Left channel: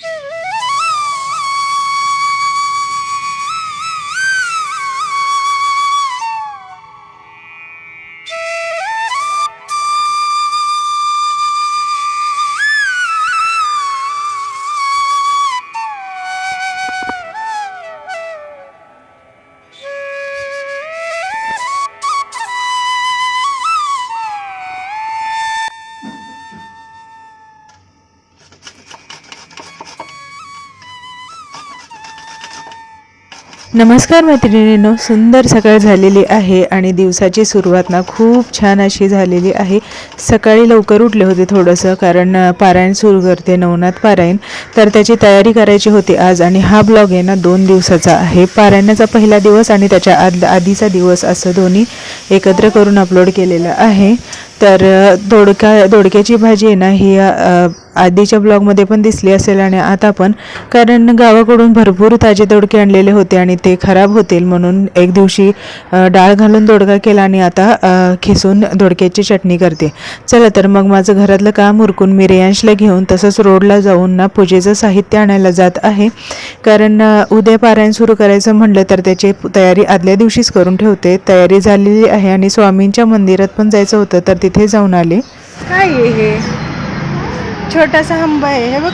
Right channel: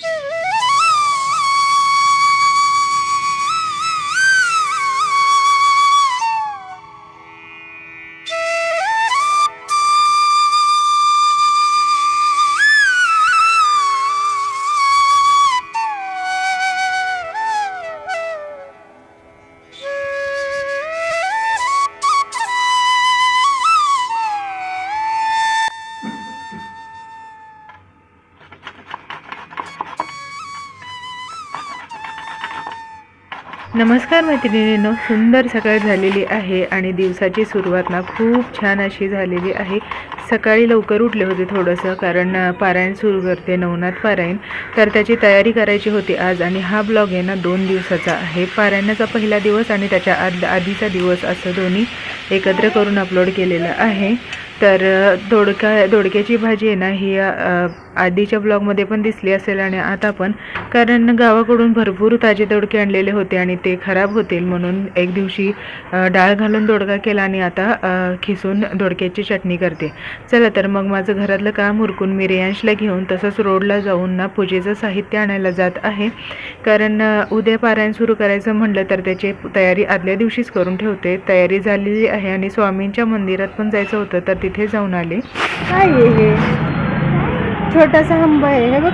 Yeah. नमस्कार मैत्रिणींनो सुंदर सकाळ झालेली आहे आणि दिवसाची सुरुवात ना खूप छान अशी झालेली आहे. सकाळी लवकर उठले होते थोडंसं कारण पारायण सुरू करते नवनाथ पारायण. तर त्याची तयारी करायची होती आज आणि हा ब्लॉग आहे ना दोन दिवसाचा आहे. पारायणाचा पहिला दिवस आणि त्याच्या आद आधीचा दिवस असं दोन्ही एकत्र करून अपलोड केलेलं आहे. तर दोडका दोडक्याची भाजी आहे ना ही आधीच्या ब्लॉगमध्ये पण दिसली असेल आणि आता पण कारण गावाकडून भरपूर ताजे दोडके आणलेले होते आणि ते खराब होतील म्हणून एक दिवशी डाळ घालून दोडका केला आणि आता खिसून दोडक्याची चटणी करते. चला तर मग माझं घरातलं काम उरकून मी रेयांशला घेऊन तसंच रोडला जाऊन ना पूजेचं साहित्य आणायला जात आहे. कारण उद्या पारायण सुरू करायचं म्हणलं तर त्याची तयारी आदल्या दिवशीच करून ठेवते. तयारी झालेली आहे आणि स्वामींच्या मंदिरात पण जायचं होतं तर तिथे जाऊन आले. काय आहे हे? छोटासा हंबा आहे हे बघ.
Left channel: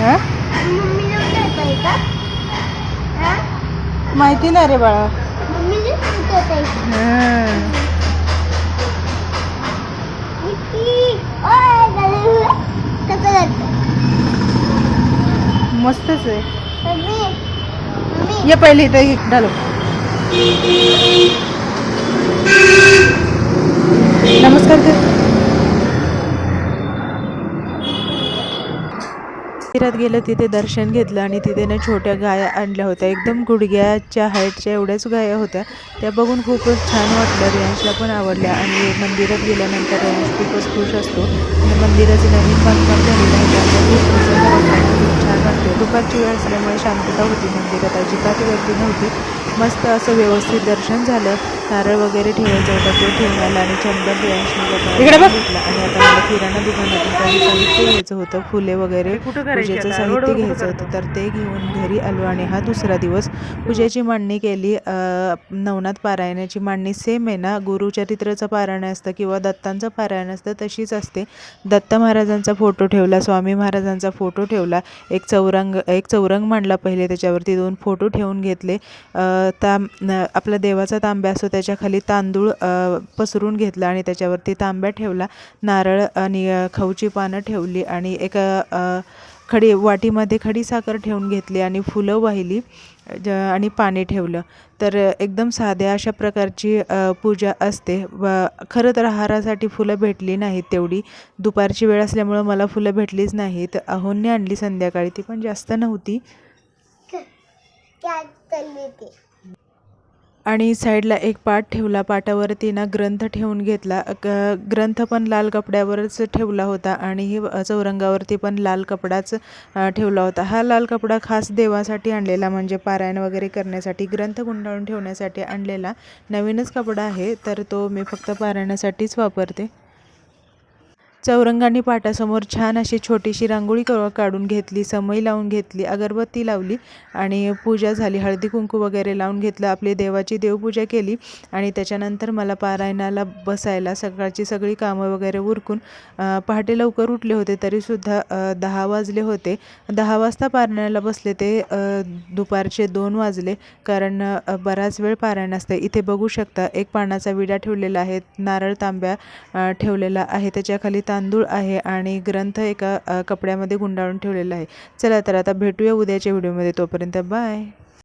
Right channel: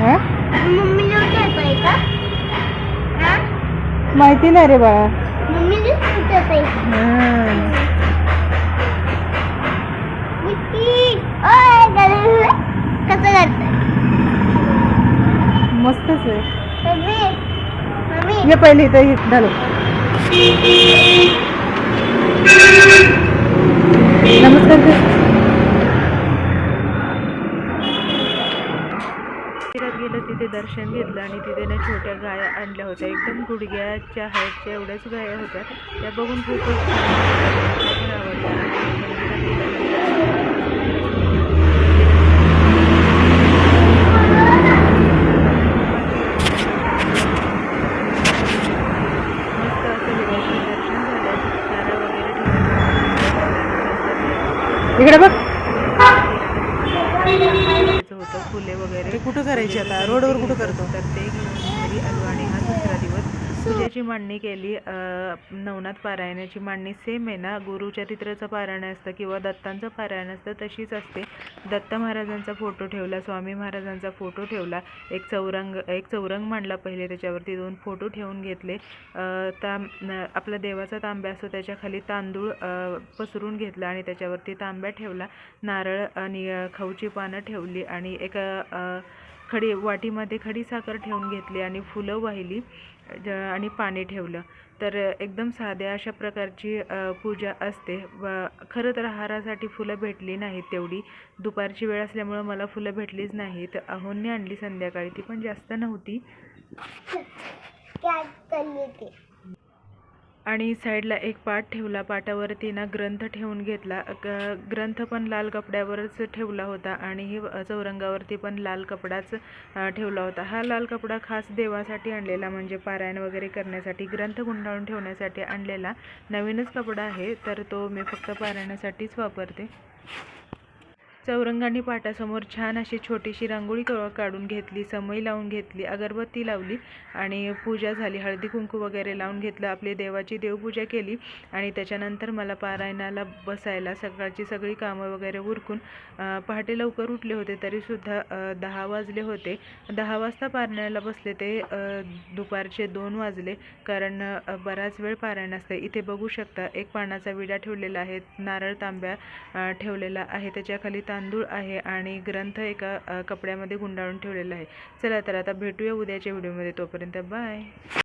हा माहिती नाही रे बाळा. मस्तच आहे. Mummy mummy. ये पहिले इथं हे घालू. नमस्कार कर. मंदिरात गेलं तिथे दर्शन घेतलं आणि तिथे ना छोट्या गाया आणल्या होत्या. एकदम गुडघ्याच्या हाईटच्या एवढ्याच गाया होत्या. त्या बघून खूपच छान वाटलं. रेंजला पण आवडल्या आणि मंदिरात गेल्यानंतर रेंज खूपच खुश असतो मंदिराचं नवीन काम खूप छान वाटलं दुपारची वेळ असल्यामुळे शांतता होती मंदिरात अजिबात गर्दी नव्हती मस्त असं व्यवस्थित दर्शन झालं नारळ वगैरे ठेवून झालं ते ठेवून आलं आणि चंद्र इकडे बघ. किराणा दुकानात होतं फुले वगैरे. कुठं करायची रोडवर कुठं होतं. तर ते घेऊन घरी आलो आणि हा दुसरा दिवस पूजेची मांडणी केली. नवनाथ पारायणाची मांडणी सेम आहे ना? गुरुचरित्राचं पारायण असतं किंवा दत्तांचं पारायण असतं तशीच असते. दत्त महाराजांचा फोटो ठेवला स्वामी महाराजांचा फोटो ठेवला. एक चौरंग एक चौरंग मांडला पहिले त्याच्यावरती दोन फोटो ठेवून घेतले. ताम आपला देवाचा तांब्या असतो त्याच्याखाली तांदूळ पसरून घेतला आणि त्याच्यावरती तांब्या ठेवला. नारळ आणि खाऊची पानं ठेवली आणि एका खडी वाटीमध्ये खडी साखर ठेवून घेतली आणि फुलं वाहिली ज- आणि पाणी ठेवलं. तर एकदम साध्या अशा प्रकारची पूजा असते. व खरं तर आहारासाठी फुलं भेटली नाहीत तेवढी. दुपारची वेळ असल्यामुळं मला फुलं भेटलीच नाहीत. अहोंनी आणली संध्याकाळी. ती पण जास्त नव्हती. आणि साईडला एक पाट ठेवला. पाटावरती ना ग्रंथ ठेवून घेतला. ग्रंथ पण लाल कपड्यावरच ठेवला होता आणि ही चौरंगावरती पण लाल कपडाच ठेवला होता. हा लाल कपडा खास देवासाठी आणलेला म्हणजे पारायण वगैरे करण्यासाठी ग्रंथ गुंडाळून ठेवण्यासाठी आणलेला नवीनच कपडा आहे. तर तो मी फक्त पारायणासाठीच वापरते. चौरंगाने पाटासमोर छान अशी छोटीशी रांगोळी क- काढून घेतली समई लावून घेतली अगरबत्ती लावली आणि पूजा झाली. हळदी कुंकू वगैरे लावून घेतलं आपली देवाची देवपूजा केली आणि त्याच्यानंतर मला पारायणाला बसायला सकाळची सगळी कामं वगैरे उरकून पहाटे लवकर उठले होते तरीसुद्धा दहा वाजले होते. दहा वाजता पारायणाला बसले ते दुपारचे दोन वाजले कारण बराच वेळ पारायण असते. इथे बघू शकता एक पानाचा विडा ठेवलेला आहे नारळ तांब्या ठेवलेला आहे त्याच्याखाली तांदूळ आहे आणि ग्रंथ एका कपड्यामध्ये गुंडाळून ठेवलेला आहे. चला तर आता भेटूया उद्याच्या व्हिडिओमध्ये. तोपर्यंत बाय.